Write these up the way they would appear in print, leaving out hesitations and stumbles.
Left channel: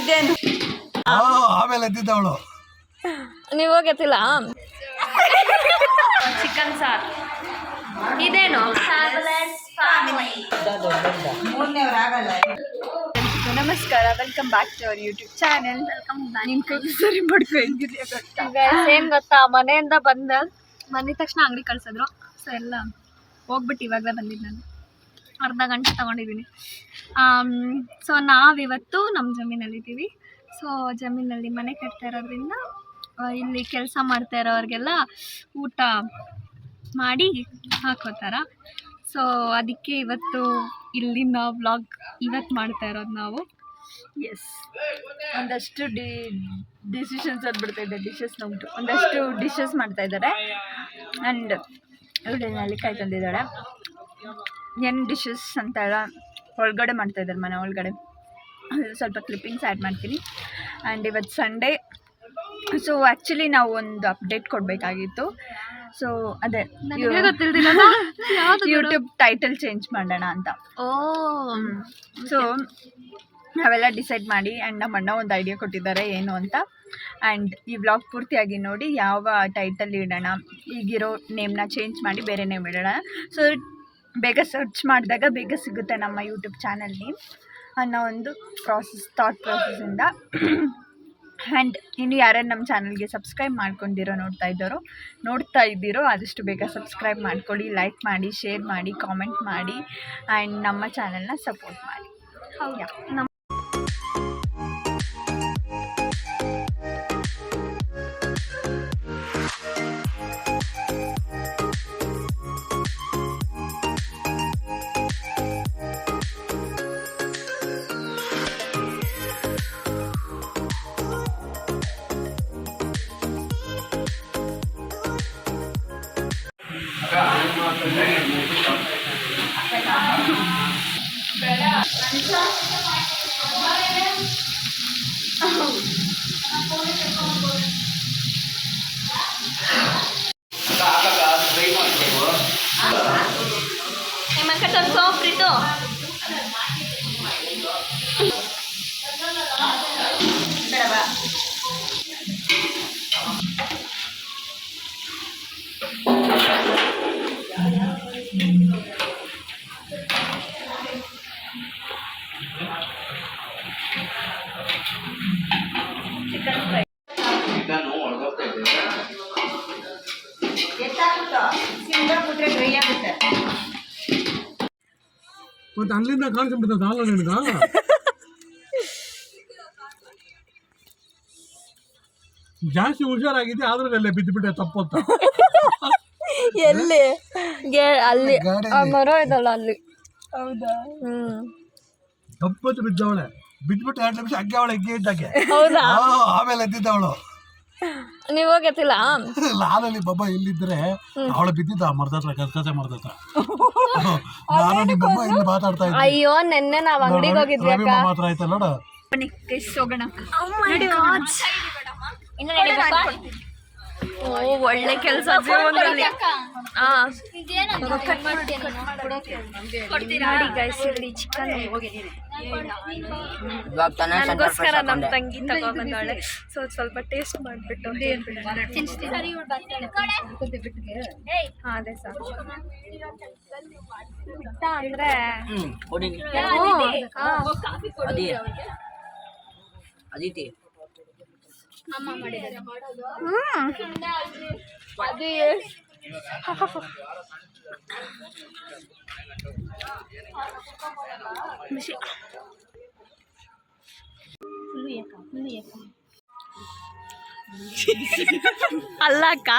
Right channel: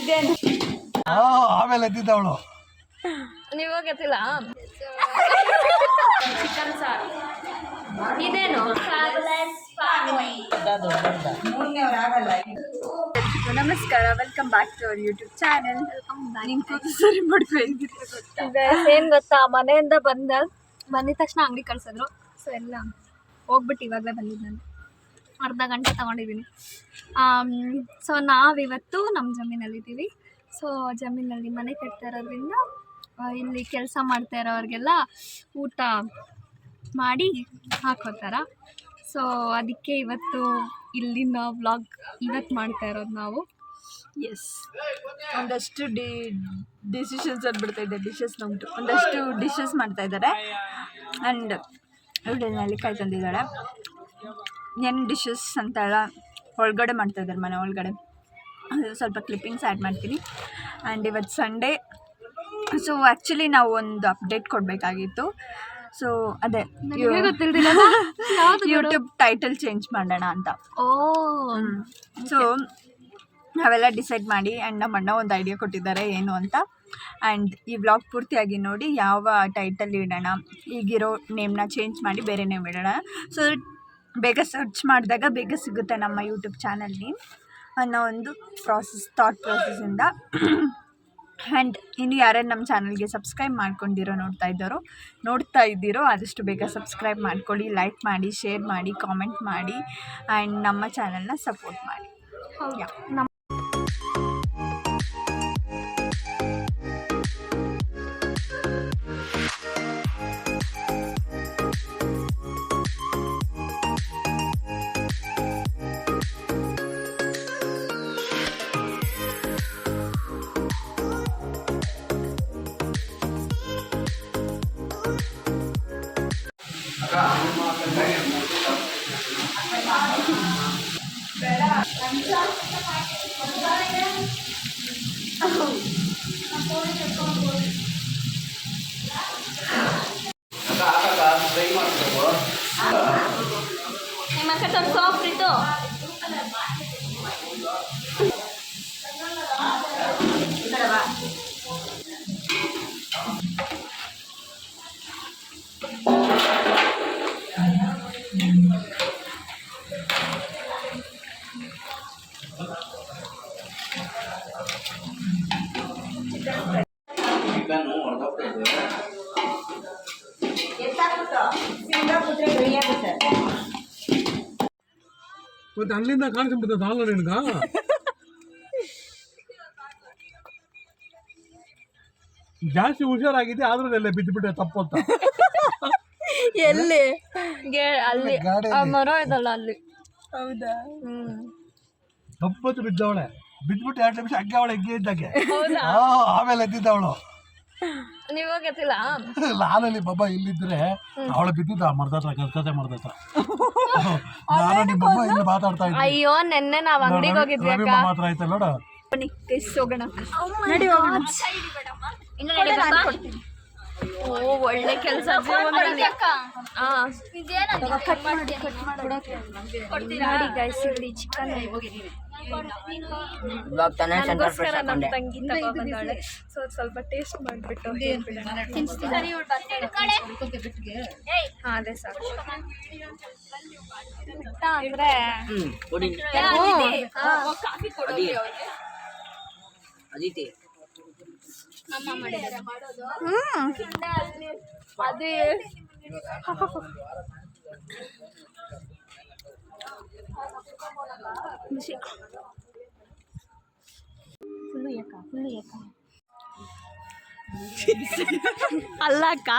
ಇದೇನು ಆಮೇಲೆ ಎದ್ದಿದ್ದವಳು ನೀವು ಹೋಗತ್ತಿಲ್ಲ. ಚಿಕನ್ ಸಾರ್. ಇದೇನು ನಮಸ್ಕಾರ, welcome back to our YouTube channel. ಸರಿ ಸೇಮ್ ಗೊತ್ತಾ, ಮನೆಯಿಂದ ಬಂದಿದ ತಕ್ಷಣ ಅಂಗಡಿ ಕಳ್ಸಿದ್ರು. ಸೊ ಎಲ್ಲ ಹೋಗ್ಬಿಟ್ಟು ಇವಾಗಲೇ ಬಂದಿದ್ದು ನಾನು. ಅರ್ಧ ಗಂಟೆ ತೊಗೊಂಡಿದ್ದೀನಿ. ಸೊ ನಾವಿವತ್ತು ನಮ್ಮ ಜಮೀನಲ್ಲಿದ್ದೀವಿ. ಸೊ ಜಮೀನಲ್ಲಿ ಮನೆ ಕಟ್ತಾ ಇರೋದ್ರಿಂದ ಇಲ್ಲಿ ಕೆಲಸ ಮಾಡ್ತಾ ಇರೋರಿಗೆಲ್ಲ ಊಟ ಮಾಡಿ ಹಾಕೋತಾರ. ಸೊ ಅದಕ್ಕೆ ಇವತ್ತು ಇಲ್ಲಿನ ವ್ಲಾಗ್ ಇವತ್ತು ಮಾಡ್ತಾ ಇರೋದು ನಾವು. ಎಸ್, ಒಂದಷ್ಟು ಡಿಸಿಷನ್ಸ್ ಅಂದ್ಬಿಡ್ತಾಯಿದ್ದೆ, ಡಿಶಸ್ ನಮ್ದು ಒಂದಷ್ಟು ಡಿಶಸ್ ಮಾಡ್ತಾಯಿದ್ದಾರೆ. ಆ್ಯಂಡ್ ಇವಳು ನೆಲ್ಲಿಕಾಯಿ ತಂದಿದ್ದಾಳೆ. ಏನು ಡಿಶಸ್ ಅಂತ ಎಲ್ಲ ಒಳಗಡೆ ಮಾಡ್ತಾಯಿದ್ದಾರೆ, ಮನೆ ಒಳಗಡೆ. ಅದು ಸ್ವಲ್ಪ ಕ್ಲಿಪ್ಪಿಂಗ್ಸ್ ಆ್ಯಡ್ ಮಾಡ್ತೀನಿ. ಆ್ಯಂಡ್ ಇವತ್ತು ಸಂಡೇ. ಸೊ ಆ್ಯಕ್ಚುಲಿ ನಾವು ಒಂದು ಅಪ್ಡೇಟ್ ಕೊಡಬೇಕಾಗಿತ್ತು. ಸೊ ಅದೇ ಯೂಟ್ಯೂಬ್ ಟೈಟಲ್ ಚೇಂಜ್ ಮಾಡೋಣ ಅಂತ. ಸೊ ನಾವೆಲ್ಲ ಡಿಸೈಡ್ ಮಾಡಿ, ಆ್ಯಂಡ್ ನಮ್ಮ ಅಣ್ಣ ಒಂದು ಐಡಿಯಾ ಕೊಟ್ಟಿದ್ದಾರೆ ಏನು ಅಂತ. ಆ್ಯಂಡ್ ಈ ವ್ಲಾಗ್ ಪೂರ್ತಿಯಾಗಿ ನೋಡಿ ಯಾವ ಟೈಟಲ್ ಇಡೋಣ, ಈಗಿರೋ ನೇಮ್ನ ಚೇಂಜ್ ಮಾಡಿ ಬೇರೆ ನೇಮ್ ಇಡೋಣ. ಸೊ ಬೇಗ ಸರ್ಚ್ ಮಾಡಿದಾಗ ಬೇಗ ಸಿಗುತ್ತೆ ನಮ್ಮ ಯೂಟ್ಯೂಬ್ ಚಾನಲ್ ನೇಮ್ ಅನ್ನೋ ಒಂದು ಥಾಟ್ ಪ್ರಾಸೆಸ್ಸಿಂದ. ಆ್ಯಂಡ್ ಇನ್ನು ಯಾರ್ಯಾರು ನಮ್ಮ ಚಾನಲ್ಗೆ ಸಬ್ಸ್ಕ್ರೈಬ್ ಮಾಡ್ಕೊಂಡಿರೋ ನೋಡ್ತಾ ಇದ್ದೀರೋ ಆದಷ್ಟು ಬೇಗ ಸಬ್ಸ್ಕ್ರೈಬ್ ಮಾಡ್ಕೊಳ್ಳಿ, ಲೈಕ್ ಮಾಡಿ, ಶೇರ್ ಮಾಡಿ, ಕಾಮೆಂಟ್ ಮಾಡಿ, ಆ್ಯಂಡ್ ನಮ್ಮ ಚಾನಲ್ನ ಸಪೋರ್ಟ್ ಮಾಡಿ. ಹೌದಾ? ಸೋಪ್ರಿತು ಮತ್ತೆ ಅಲ್ಲಿಂದ ಕಾಣಿಸ್ಬಿಡ್ತದೆ ಹಾಲು ನಿನ್ಗ. ಜಾಸ್ತಿ ಹುಷಾರಾಗಿದೆ, ಆದ್ರಲ್ಲೆಲ್ಲ ಬಿದ್ದುಬಿಟ್ಟೆ ತಪ್ಪತ್ತ. ಎಲ್ಲಿ ಅಲ್ಲಿ ಮರ ಇದಲ್ಲ ಅಲ್ಲಿ. ಹೌದಾ? ತಪ್ಪತ್ತು ಬಿದ್ದವಳೆ, ಬಿದ್ದುಬಿಟ್ಟು 2 ನಿಮಿಷ ಹಗ್ಗೆ ಅವಳೆ ಹೆಗ್ಗೆ ಇದ್ದಾಗೆ. ಆಮೇಲೆ ಎದ್ದಿದ್ದವಳು. ನೀವು ಹೋಗತ್ತಿಲ್ಲ. ಲಾಲಲ್ಲಿ ಬಾಬಾ ಇಲ್ಲಿದ್ರೆ ಅವಳು ಬಿದ್ದಿದ್ದ ಮರ್ದತ್ರ, ಕಸೆ ಮರ್ದತ್ರ. ನಾನು ನಿಮ್ಮಮ್ಮ ಇಲ್ಲಿ ಮಾತಾಡ್ತಾ ಇದ್ದೆ. ಅಯ್ಯೋ ನೆನ್ನೆ ನಾವು ಅಂಗಡಿಗೆ ಹೋಗಿದ್ವಿ ಅಕ್ಕ. ಮಾತ್ರ ಆಯ್ತಲ್ಲ ನೋಡು. ಬನ್ನಿ ಟೇಸ್ಟ್ ಹೋಗೋಣ. ಓ ಒಳ್ಳೆ ಕೆಲಸ ಜೀವನದಲ್ಲಿ. ನೋಡಿ ಗೈಸ್, ಇಲ್ಲಿ ಚಿಕನ್ ನನಗೋಸ್ಕರ ನಮ್ಮ ತಂಗಿ ತಗೊಂಡ್ಬಂದಾಳೆ. ಸೊ ಸ್ವಲ್ಪ ಟೇಸ್ಟ್ ಮಾಡಿಬಿಟ್ಟು ಅದೇ ಸಾಕು ಅಂದ್ರೆ ಅದೇ ಅಲ್ಲ ಅಕ್ಕ,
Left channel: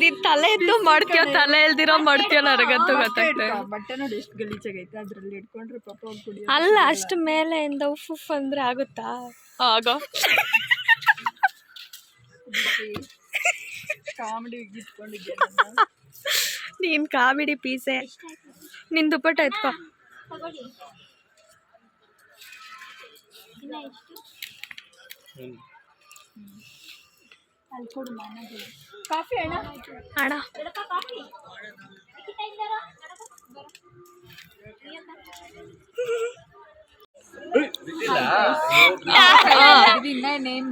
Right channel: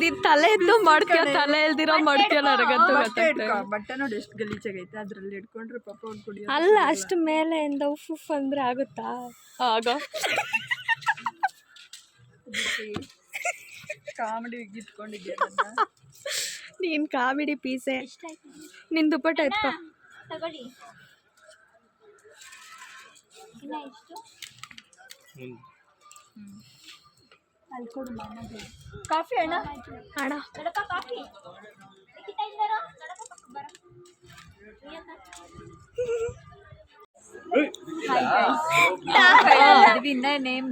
ನೀನ್ ತಲೆ ಎದ್ದು ಮಾಡ್ತೀವ, ತಲೆ ಎಲ್ದಿರೋ ಮಾಡ್ತೀವ, ನನಗಂತೂ ಗೊತ್ತಾಗ್ತದೆ. ಬಟ್ಟೆ ನೋಡಿ ಎಷ್ಟು ಗಲೀಜಾಗೈತೆ, ಅದ್ರಲ್ಲಿ ಇಟ್ಕೊಂಡ್ರೆ ಪಾಪ ಅವ್ರು ಕುಡಿ. ಅಲ್ಲ ಅಷ್ಟು ಮೇಲೆಯಿಂದ ಉಫ್ ಅಂದ್ರೆ ಆಗುತ್ತಾ? ಆಗೋ ಕಾಮಿಡಿ ಇಟ್ಕೊಂಡಿದ್ಯಾ ನೀನ್? ಕಾಮಿಡಿ ಪೀಸೆ. ನಿನ್ ದುಪ್ಪಟ್ಟ ಎತ್ಕೋ. ಅಲ್ಲಿ ಕೊಡು ಮನೆಗೆ. ಕಾಫಿ ಅಣ್ಣ. ಅಣ್ಣ ಇನ್ನ ನೇಮ್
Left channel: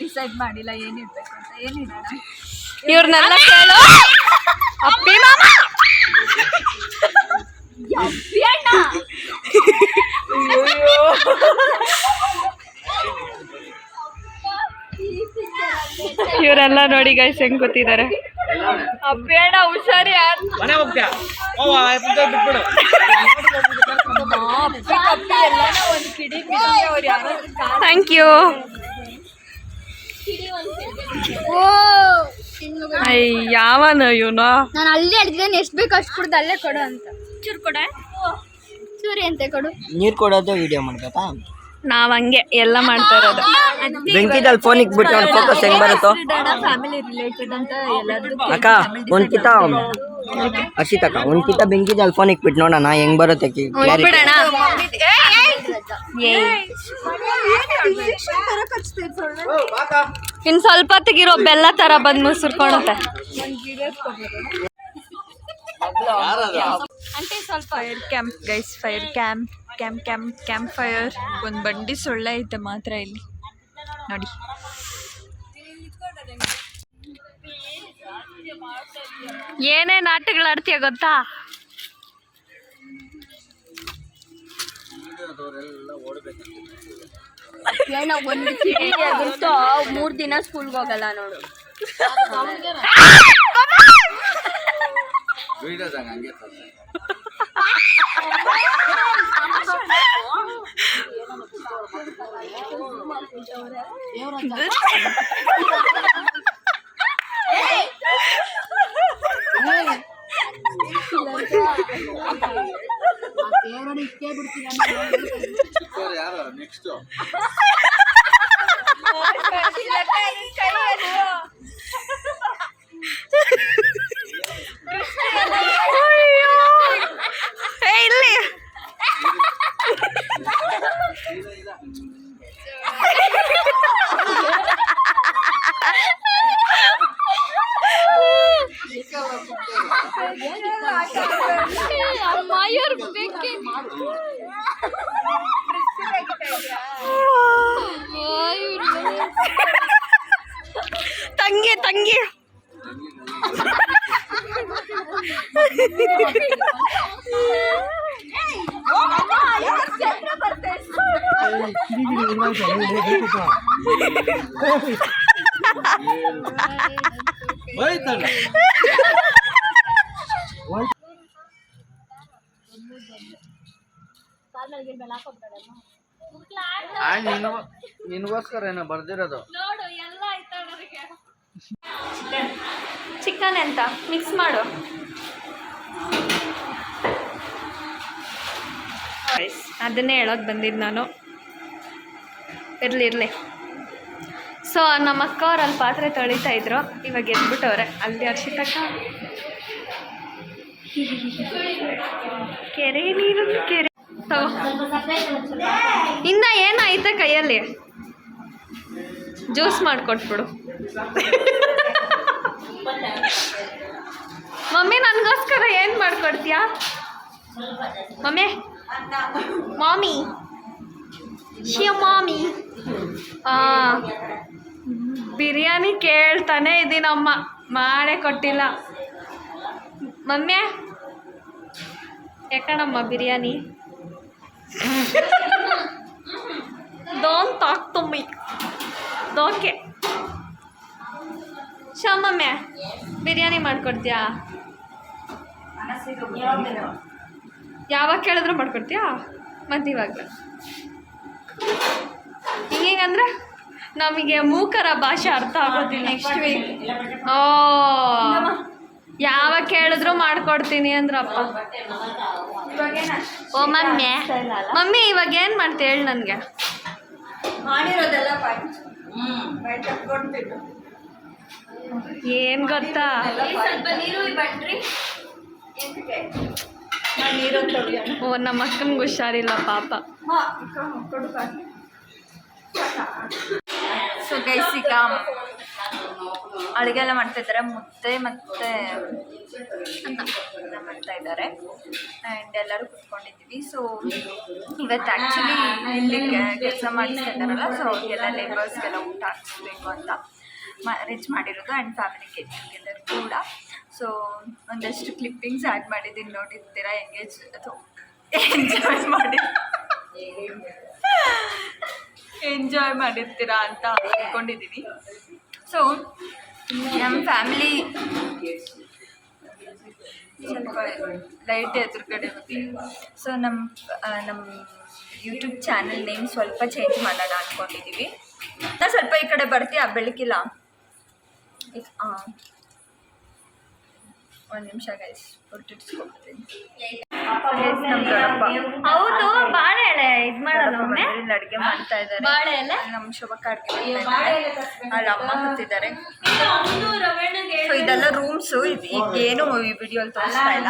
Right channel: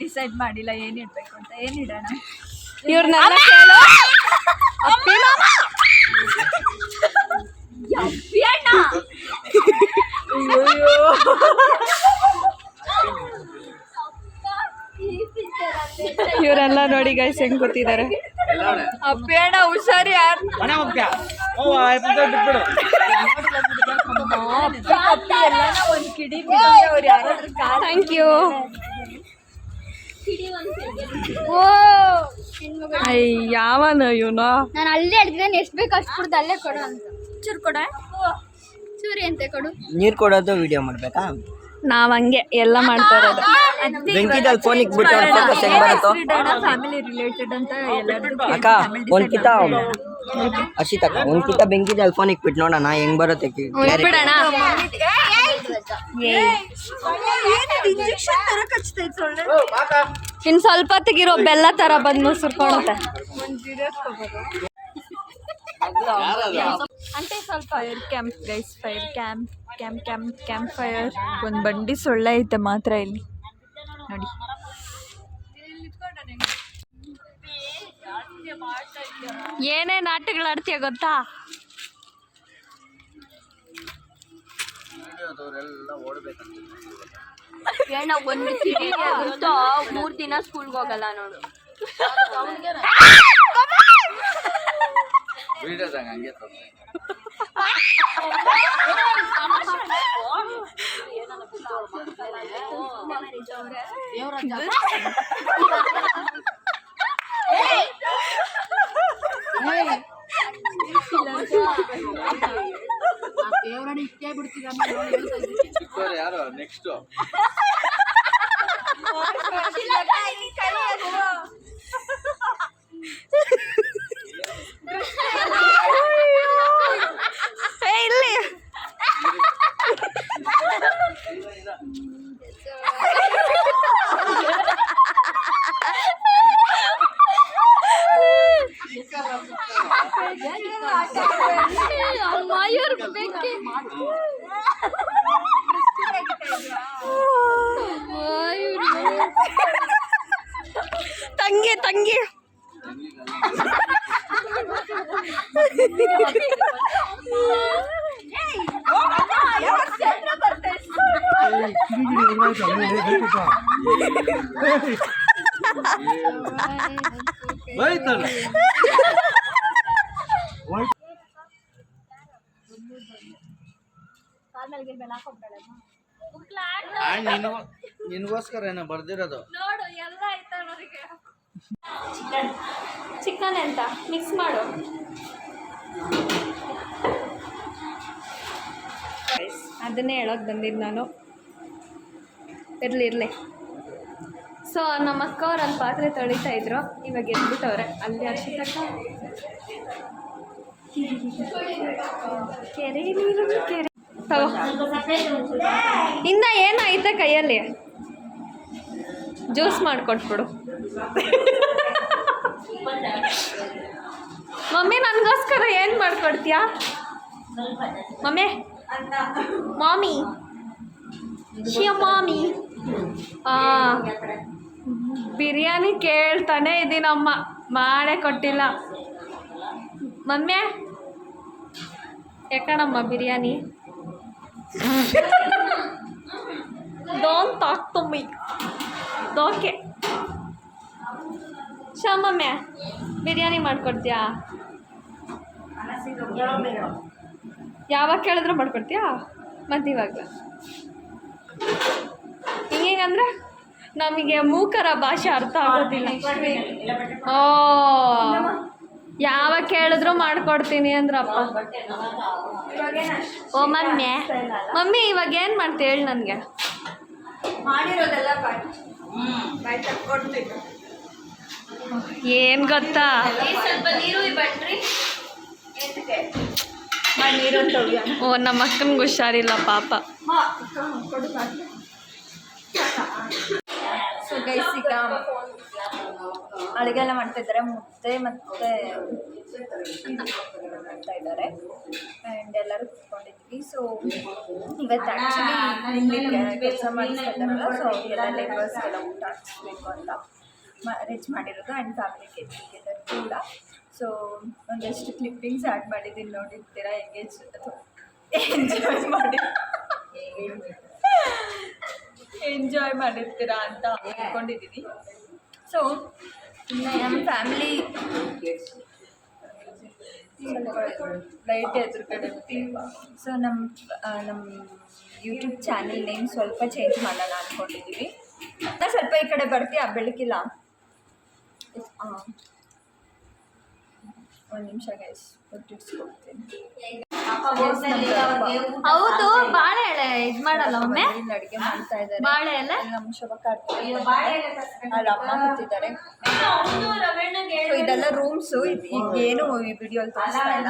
ಡಿಸೈಡ್ ಮಾಡಿಲ್ಲ ಏನ್ ಇಡ್ಬೇಕು ಅಂತ. ಏನ್ ಇಡೋಣ? ಇವ್ರನ್ನೆಲ್ಲ ಕೇಳು. ಅಪ್ಪಿ ಮಾಮ ಇವರೆಲ್ಲ ನೋಡಿ ಗೈಸ್ ಹೆಂಗ್ ಕೂತಿದ್ದಾರೆ. ಅಪ್ಪೇಣ ಹುಷಾರಿ ಥ್ಯಾಂಕ್ ಯು. ಯಾವನ ಇವನು? ನಾನು ಅಲ್ಲೇ ಹೇಳ್ತಿದ್ದೇನೆ ಎಷ್ಟು ಬೇಕು ಅಷ್ಟು ಕೊಡ್ದು ಅಲ್ಲೇ ಕೊಡು ಅಂತ. ಚೂರು ಕೊಡ ಚೂರಿ ಅಂತ ಕೊಡು. ನೀರು ಕೊಡೋದು ವಿಡಿಯೋ ಮಾಡ್ಬೇಕಾ? ನಾವ್ ಹಂಗೆ ಎಲ್ಲ ಮಾಡ್ತಾ ಇರೋದು. ಬೆಂಕಿದಲ್ಲಿ ಫೋನ್ ಇಕ್ಬಿಟ್ಟು ಫೋಕಸ್ ಹೆಂಗ್ ಬರುತ್ತೋ ಫ್ಯಾಮಿಲಿ ರಿಲೇಟೆಡ್ ಅಂತ ಎಲ್ಲರದ್ದು ಅಕ್ಕ ಒಂದ್ಕಿತ ಅಕ್ಕ ಒಂದ್ಕಿತ ಬೆಂಕಿದಲ್ಲಿ ಫೋನ್ ಇಕ್ಬಿಟ್ಟು ನೋಡೋಣ ಹೆಂಗ್ ಬರುತ್ತೆ ಬಿಡೋಣ. ಇನ್ ಸ್ವಲ್ಪ ಹೊತ್ತಿಗಿರೋ ಬೆಲ್ಲ ತರ ಬಂದ್ ಮುಸುರ್ಕೊಳತ್ತೆ. Fire camp guys, fire camp camp camp camp fire. ಒಂದು ಬಂಡಿ ಸೊಳ್ಳೆ ಐತೆ ಮಾತ್ರ ಇಲ್ಲಿ ನೋಡಿ. ಏನೇನ್ ಆಟಗಳು ಆಡ್ತೀಯ ಗೊತ್ತಾ? ಒಂದು ಕಿಡಿಗೆ ಬಿಟ್ಟು 3 ದಿನ ಸ್ಕೂಲ್ಗೆ ಹೋಗಲ್ಲ ನೋಡು. ಯಾರು ನೆಕ್ಸ್ಟ್ ಇಲ್ಲಿ ತಂಗಿ ತಂಗಿ ನಿನ್ಗೋಸ್ಕರ ಏನೋ ಬರ್ದಿರೋದು. ಚಿಕನ್ ಅಂತ ಮಿಕ್ಸ್ ಮಾಡು. ಅದನ್ನೇ ಹೇಳೋದು ಬಂದಿದ್ದು ನಾನು. ಇರಲಿ. ಸೊ ನಮ್ಮ ಅಕ್ಕ ಅವ್ರು ಅಲ್ಲಿ ಪಾತ್ರೆ ತೊಳಿತಾ ಇದ್ರು, ಇವಾಗ ಎದ್ಬಿಟ್ಟವ್ರೆ. ಅಲ್ಲಿ ಅರ್ಷಿತಕ್ಕ ಕೆರೆ ನೀರು ಕೆರೆ ತಗೋ. ಇನ್ನ ಏನಾಯ್ತ ಕೈಯಲ್ಲಿ? ಜ್ಯೂಸ್ ಮಾಡಿಕೊಟ್ಬಿಡು. ಮಮ್ಮಿ ನನಗೋಸ್ಕರ ಏನು ಮಾಡ್ಕೊಡ್ತೀಯಾ ಮಮ್ಮಿ? ಮಾಮಿ ಮಾಮಿ ಬಿರಿಯಾನಿ ಕೇಳ್ತಾನೆ ಇದ್ದೀನಮ್ಮ, ಮಾಡೇ ಕೊಟ್ಟಿಲ್ಲ. ಮಮ್ಮಿ ಯಾಕಣಮ್ಮ biryani? Don't talk to me. Okay mummy biryani ಮಾಡ್ಕೊಡ್ತೀಯಾ? ಯಾವಾಗ ಕೇಳಿದ್ರು ಮಾಡ್ಕೊಡ್ತೀಯಾ? ಮತ್ತು ಇವಾಗ ಹಿಂಗಂದ್ರೆ ನಮಗೆ ಮೂಕರ ಭಾಷೆ ಅರ್ಥ ಆಗೋದಿಲ್ಲ. ಓ ಯಾವಾಗ ಕೇಳಿದ್ರು ಮಾಡ್ಕೊಡ್ತೀನಿ ಅಂದ್ರಪ್ಪ. ಓ ಮಮ್ಮಿ ಇವಾಗ ಏನು ಮಾಡ್ತೀಯ ಹೇಳಿ ನನಗೆ? ಏನು ಗೊತ್ತಾ, ಓ ನಮ್ಮ ಅಕ್ಕನಿಗೆ ಹುಷಾರಿಲ್ಲ ಪಾಪ. ಸೊ ಗೈಸ್ ಈಗ ಅಡುಗೆ ಎಲ್ಲ ಮಾಡ್ತಾ ಇದ್ದಾರೆ, ಮುದ್ದೆ ಮತ್ತು ಅನ್ನ ಮಾಡ್ತಾ ಇದ್ದಾರೆ ಆ್ಯಂಡ್ ಎಲ್ಲರೂ ಕುತ್ಕೊಂಡಿದ್ದೀವಿ. ಸೊ ಇವತ್ತು ಆ್ಯಕ್ಚುಲಿ ಇಲ್ಲಿ ಕೆಲಸ ಮಾಡಿಸ್ತಾ ಇದ್ದಾರಲ್ಲ, ಸೊ ಅವ್ರಿಗೆಲ್ಲ ಲೇಬರ್ಸ್ಗೆಲ್ಲ ಊಟ ಹಾಕಿಸ್ಬೇಕು ಅಂತ ಅರೇಂಜ್ ಮಾಡಿರೋದು ಆ್ಯಂಡ್ ಫ್ಯಾಮಿಲಿ ಗೆಟ್ ಟುಗೆದರ್ ಕೂಡ. ಸೊ ಒಂದಷ್ಟು ಕ್ಲಿಪ್ಪಿಂಗ್ಸ್ ಆ್ಯಡ್ ಮಾಡಿದ್ದೀನಿ, ನೋಡಿರ್ತೀರಾ. ಎಂಜಾಯ್ ಮಾಡಿರ್ತೀರಾ ಅಂತ ಅಂದ್ಕೊಂಡಿದ್ದೀನಿ. ಸೊ ನಮ್ಮ ಫ್ಯಾಮಿಲಿ ಸ್ವಲ್ಪ ಲೈಟ್ ಎದುರುಗಡೆ ಹೋಗ್ತೀವಿ. ಸೊ ನಮ್ಮ ಯೂಟ್ಯೂಬ್ ಚಾನಲ್ ನೇಮ್ ಸ್ವಲ್ಪ ಚೇಂಜ್ ಮಾಡೋಣ ಅಂದ್ಕೊಂಡಿದ್ದೀವಿ. ನಾನು ಸ್ವಲ್ಪ ಈ ಕಡೆ ಬರ್ತೀಯಾ? ಬೆಳಕಿಲ್ಲ, ಒಂದು ನಿಮಿಷ ಗೈಸ್, ಹೊರಟಿಸ್ಕೊಡ್ತೀನಿ. ಹೌದು, ಬಾಳೆ ಎಲೆ ಇದು ಮಾಡಲ್ಲ ಇಲ್ಲಿ ಅಡುಗೆ ಮಾಡ್ತಾ ಇದ್ದಾರೆ. ಬಾಳೆ ಎಲೆ ನಮ್ಮ ಶೋಭಕ್ಕ ಅಡುಗೆ ಅಲ್ಲಿ ಅಮ್ಮ ಕೂತಿದ್ದಾರೆ. ಸೊ ಇದೆಲ್ಲ ರೂಮ್ಸು. ಈಗೇನು ಈ ವಿಡಿಯೋಲ್ಲಿ ತೋರಿಸ್ತಾ ಇಲ್ಲ,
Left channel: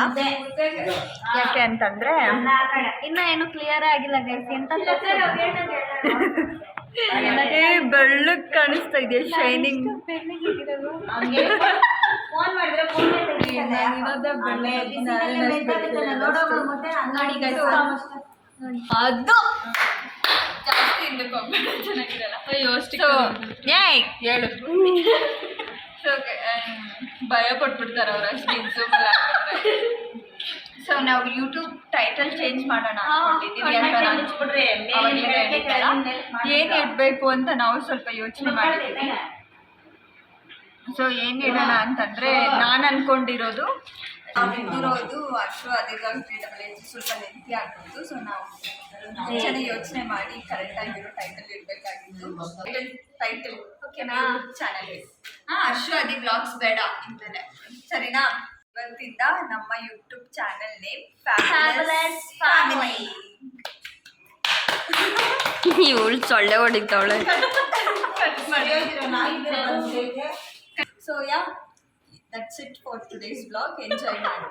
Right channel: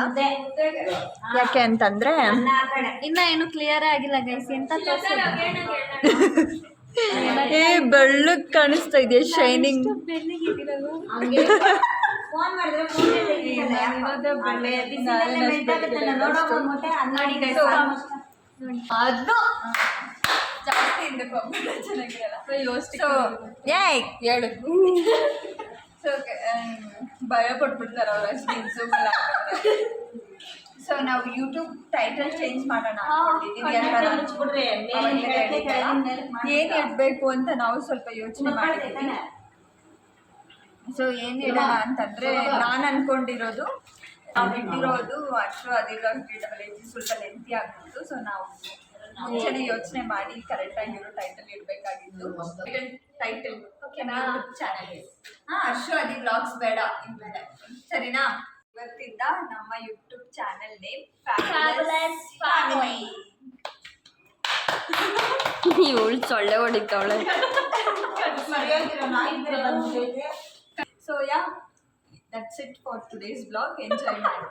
ಯಾಕೆ ಅಂತಂದರೆ ಇನ್ನ ಏನು ಕ್ಲಿಯರ್ ಆಗಿಲ್ಲ ಗೈಸ್. ಎಂತ ಬೆಳ್ಳಗೆ ಕಾಣಿಸ್ತಾ ಇದೆ, ಶೈನಿಂಗ್. ಅದು ಜಾಸ್ತಿ ಹಿಂದಕ್ಕೆ ಹೋಗ್ಬೇಡ, ಚೆನ್ನಾಗಿರಲ್ಲ. ಹೇಳು. ಸೊ ಭಯ ಪಟ್ಬಿಡ್ತಾರೆ ಅವ್ರು, ಅಷ್ಟು ಝೂಮಲ್ಲ. ಸೊ ನಾವು ಯೂಟ್ಯೂಬ್ ಟೈಟಲ್ ಚೇಂಜ್ ಮಾಡೋಣ ಅನ್ಕೊಂಡಿದ್ದೀವಿ. ಏನು ಇಡಬೇಕು ಅಂತ ನಾವು ಸ್ವಲ್ಪ ಯೋಚನೆ ಮಾಡಿದ್ದೀವಿ. ಸೊ ಏನು ಇಡೋಣ ಅಂತಂದರೆ, ನಾನು ಅಂದ್ಕೊಂಡಿರೋದು ಇಟ್ಟಿರೋದು ಅಷ್ಟು ಅದಿರೋದು ಸ್ವಲ್ಪ ಲೆಂತಿ ಆಗ್ಬೋದು. ಸೊ ನಾವು ಮುಂಚೆನೇ ಯೋಚನೆ ಮಾಡಿ ಕರೆಕ್ಟಾಗಿರೋ ಟೈಟಲ್ ಇಡಬೇಕಾಗಿತ್ತು. ಟೈಟಲ್ ಓಕೆನಾ? ಚಾನಲ್ಗೆ ಅಷ್ಟು ಅದಿ ವ್ಲಾಗ್ಸ್ ಬೇಡ ಇಂದಲೇ, ಸರಿನಾ? ಇವತ್ತಿಂದ ನಮ್ಮ YouTube channel name fabulous family. ಇವಳು ಸೊಳ್ಳೆ ಹೊಡಿತಾವಳೆ. So yeah, that's it for today's blog. Enjoy ಮಾಡಿ.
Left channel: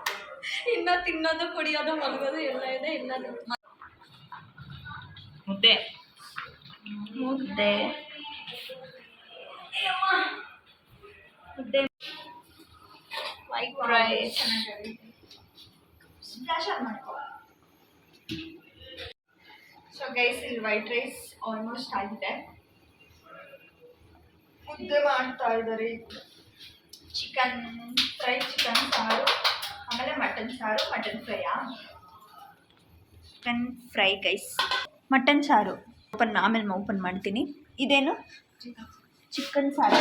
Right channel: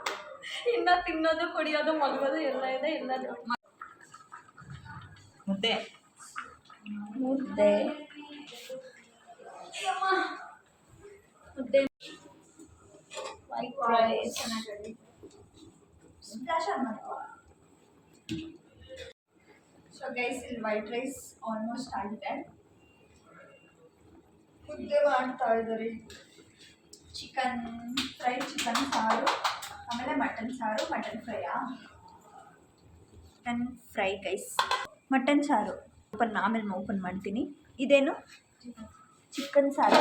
ಇನ್ನು ತಿನ್ನೋದು, ಕುಡಿಯೋದು, ಮಲಗೋದು ಎಲ್ಲ ಇದೆ. ಎಲ್ಲದು ಮುದ್ದೆ ಮುದ್ದೆ ಮುದ್ದೆ ವೈಟ್ ರೈಸ್. ಸೊ ಗೈಸ್, ಇಲ್ಲಿ ವೈಟ್ ರೈಸ್ ಆಲ್ಮೋಸ್ಟ್ ಆಗಿದೆ. ಮುದ್ದೆ ಮಾಡ್ತಾ ಇದ್ದಾರೆ. ಚಿಕನ್ ಫ್ರೈ, ಚಿಕನ್ ಸಾರು, ಆಮೇಲೆ ಮಟನ್ ಸಾರು. ಮಟನ್ ಫ್ರೈಯಾ? ಚಿಕನ್ ಫ್ರೈ ಗೈಸ್, ಮಟನ್ ಸಾರು. ಆಮೇಲೆ ಓಪನ್ ಮಾಡ್ತೀನಿ. ಇದೇನು? ಚಿಕನ್ ಸಾರು.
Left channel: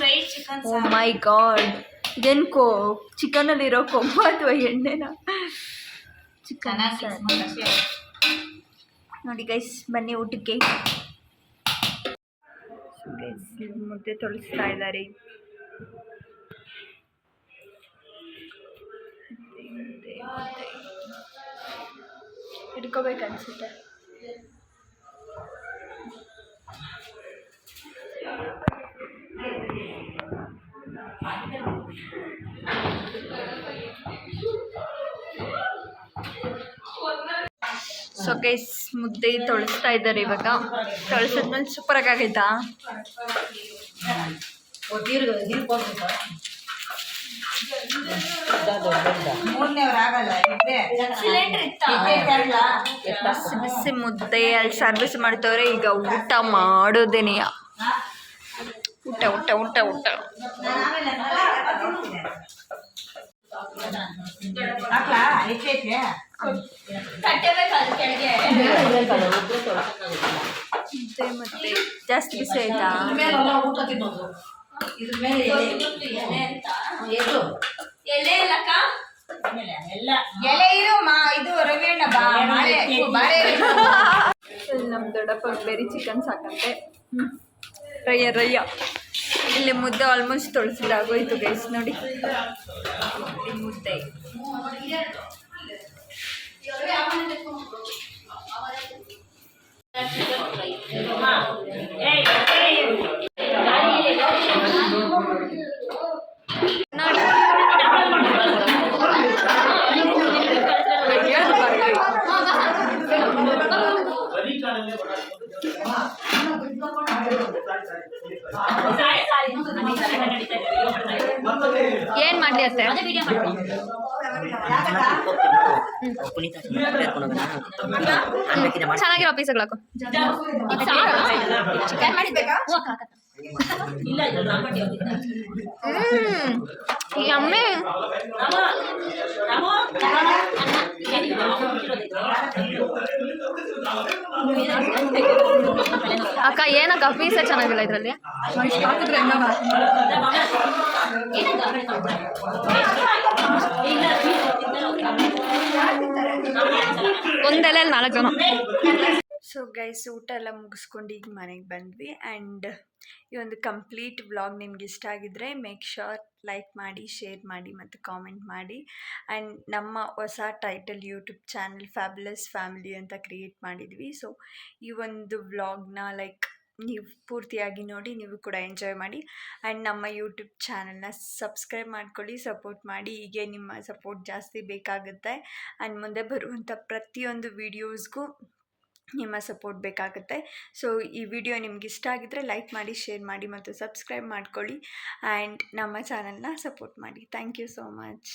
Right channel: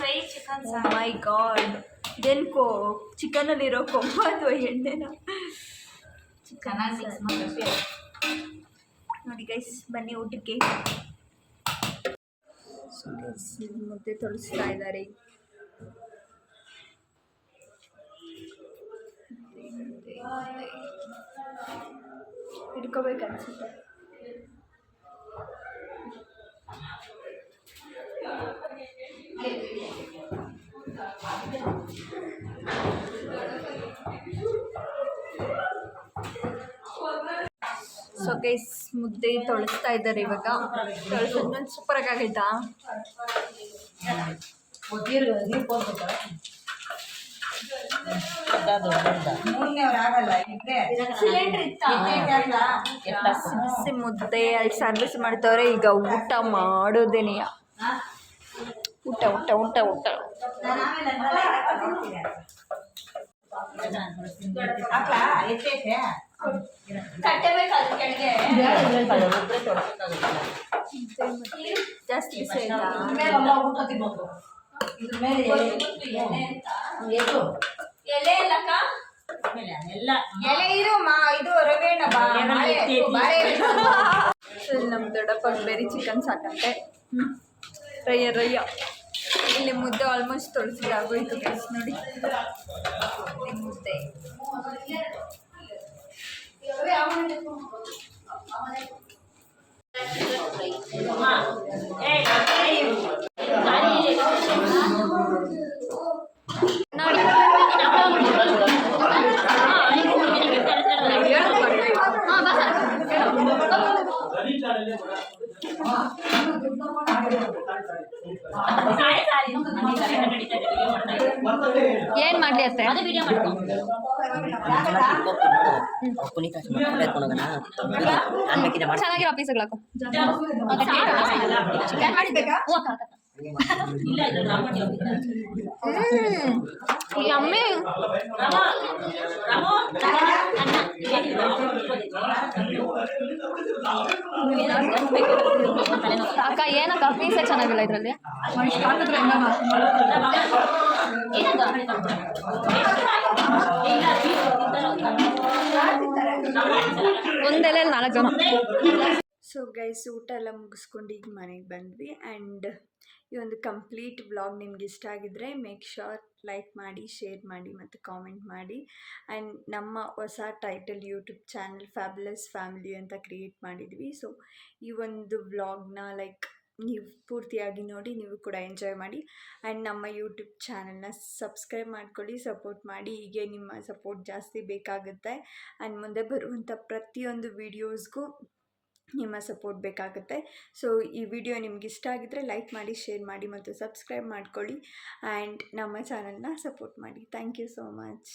Fry chicken. Oh my god, ಇದೇನು ಚಿಕನಲ್ಲಿರೋ ಕೊಬ್ಬು ಅಥವಾ ಎಣ್ಣೆನ? ಚಿಕನ್ ನೋಡಿ ಗೈಸ್, ಬನ್ನಿ ಊಟಕ್ಕೆ. ಸೊ ಗೈಸ್, ಮುದ್ದೆ ತೊಳಿಸ್ತಾ ಇದ್ದಾರೆ. ಹಿಡ್ಕೋಬೇಕನ್ಸುತ್ತೆ. ಸೊ ಗೈಸ್, ಮುದ್ದೆ ತೊಳಿಸ್ತಾ ಇದ್ದಾರೆ ಇವಾಗ. ತೊಳಿಸಿದ್ಮೇಲೆ ಸೂಪರಾಗಿ ಆಗೈತಾ? ಬಿಸಿ ಬಿಸಿ ಮುದ್ದೆ ಅಲ್ಲಿ ಸರ್ವಿಸ್ ಮಾಡ್ತವ್ರೆ. ಈಗ ಊಟ ಮಾಡೋದೇನೆಯ, ಊಟ ಊಟ ಊಟ ಊಟ. ಮತ್ತೆ ಜಾಸ್ತಿ ಬಿಸಿ ಆಯ್ತಾ? ನಮ್ಮ ದೊಡ್ಡಪ್ಪಗೆ ಬೇರೆ ಚಿಕನ್ ಸಾಕಂತೆ. ರಯ್ಯ ಇಲ್ಲಿ ಮುದ್ದೆ ಆಲ್ಮೋಸ್ಟ್ ತೊಳ್ಸಿದಾಗೋಯ್ತು ಗೈಸ್. ನೋಡಿ ಮುದ್ದೆ. ಏನ್ ಮಾಡ್ಲಿ ಅತ್ತೆ? ಪುನೀತ್ ಎತ್ಕೊಂಡು ಹೋಗೋಣ. ನಾನ್ ಬೇಕಿದ್ರೆ ಮಾಡ್ತೀನಿ. ಚೆನ್ನಾಗಿರೋ ಪೀಸ್ಗಳು ಹಾಕು. ಯಮ್ಮಿ. ಅಕ್ಕ ಏನಕ್ಕ ಪೀಸೇ ಚೆನ್ನಾಗಿಲ್ಲ ಇದ್ರಲ್ಲಿ. ಒಂದೆಲೆ 4 ಜನ. ಸೊ ಗೈಸ್, ಊಟ ಎಲ್ಲ ಮುಗಿಸ್ಕೊಂಡು ಈಗ ಮನೆಗೆ ಬಂದ್ವಿ. ಆ್ಯಂಡ್ ಈ ಒಂದು ಕಂಪ್ಲೀಟ್ ವ್ಲಾಗ್ ನಿಮ್ಗೆ ಇಷ್ಟ ಆಗಿದ್ರೆ ಮೇಕ್ ಶ್ಯೂರ್ ಲೈಕ್ ಮಾಡಿ, ಶೇರ್ ಮಾಡಿ ಮತ್ತು ಕಾಮೆಂಟ್ ಮಾಡಿ. ಆ್ಯಂಡ್ ನಮ್ಮ ಹೊಸ title YouTube channel fabulous family ಅಂತ ಕ್ರಿಯೇಟ್ ಮಾಡಿದ್ವಿ. ಸೊ ಈ ಒಂದು ವ್ಲಾಗ್ನ ನೀವು ಪೂರ್ತಿಯಾಗಿ ನೋಡಿ, ನೀವು ಕೂಡ ಎಂಜಾಯ್ ಮಾಡಿ. ಆ್ಯಂಡ್ ನಮ್ಮ ಯೂಟ್ಯೂಬ್ ಚಾನಲ್ನ ಸಬ್ಸ್ಕ್ರೈಬ್ ಮಾಡ್ಕೊಳ್ಳಿ, ಸಪೋರ್ಟ್ ಮಾಡಿ. ಹೀಗೆ ನಿಮ್ಮ ಸಪೋರ್ಟ್ ಜಾಸ್ತಿ ಬೇಕಾಗುತ್ತೆ. ಆ್ಯಂಡ್ ಮುಂದೆ ಬರುವಂಥ ಪ್ರತಿಯೊಂದು ವೀಡಿಯೋಸ್ಗೂ ನಿಮ್ಮ ಸಪೋರ್ಟ್ ಬೇಕಾಗುತ್ತೆ. ಸೊ ಈ ವಿಡಿಯೋ ನಿಮ್ಗೆ ಇಷ್ಟ ಆಗಿದ್ದರೆ ಲೈಕ್ ಮಾಡಿ, ಶೇರ್ ಮಾಡಿ ಮತ್ತು ಸಬ್ಸ್ಕ್ರೈಬ್ ಮಾಡ್ಕೊಳ್ಳಿ. ಆ್ಯಂಡ್ ನಮ್ಮ ಚಾನಲ್ನ ಸಪೋರ್ಟ್ ಮಾಡಿ. Thank you so much.